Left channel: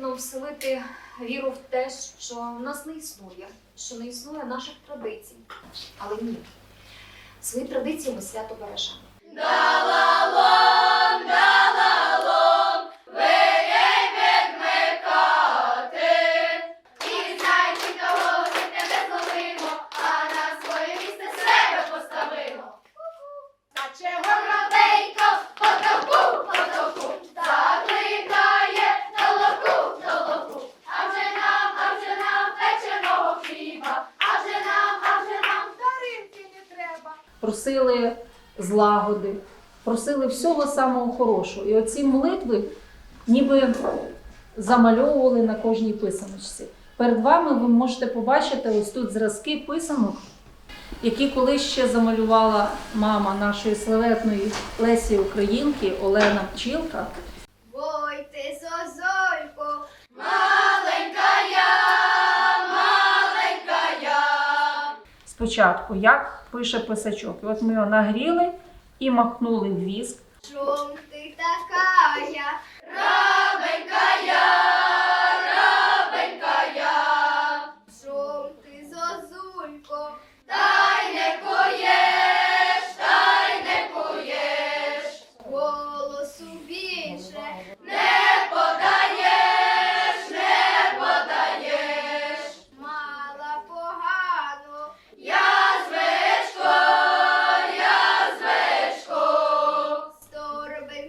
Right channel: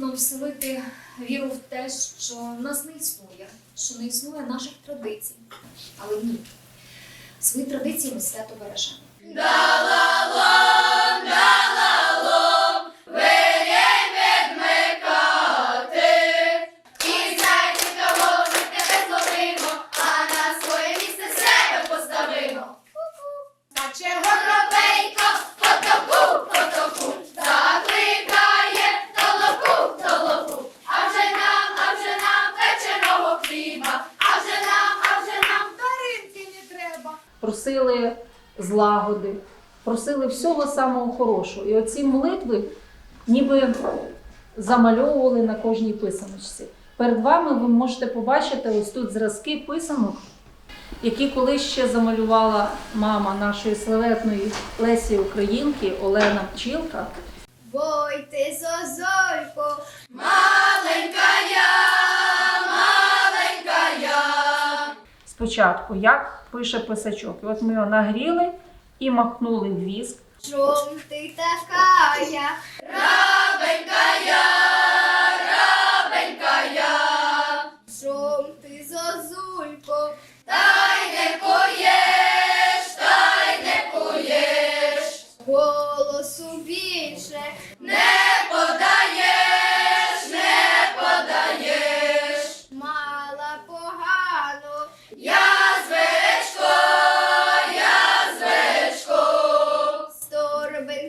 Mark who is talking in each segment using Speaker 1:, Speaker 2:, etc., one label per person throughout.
Speaker 1: нам вселити віру в те, що нас не існує, що не існує наших традицій. Але ні. Свої традиції ми свято бережемо.
Speaker 2: Просили злагоди, просили всього самого хорошого. І оці молитви ніби замальовували на кожній писаночці. Перед вами ви можете побачити ось тут зразки писанок, які колись ще замалювала мама нашої славетної Лесі Українки Олена Пчілка. Спочатку, як пише писачок. І от ми його нагріли і махнули в віск.
Speaker 3: Чом ти такая?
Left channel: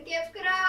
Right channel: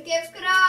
Speaker 3: ఇంకెవరికి రా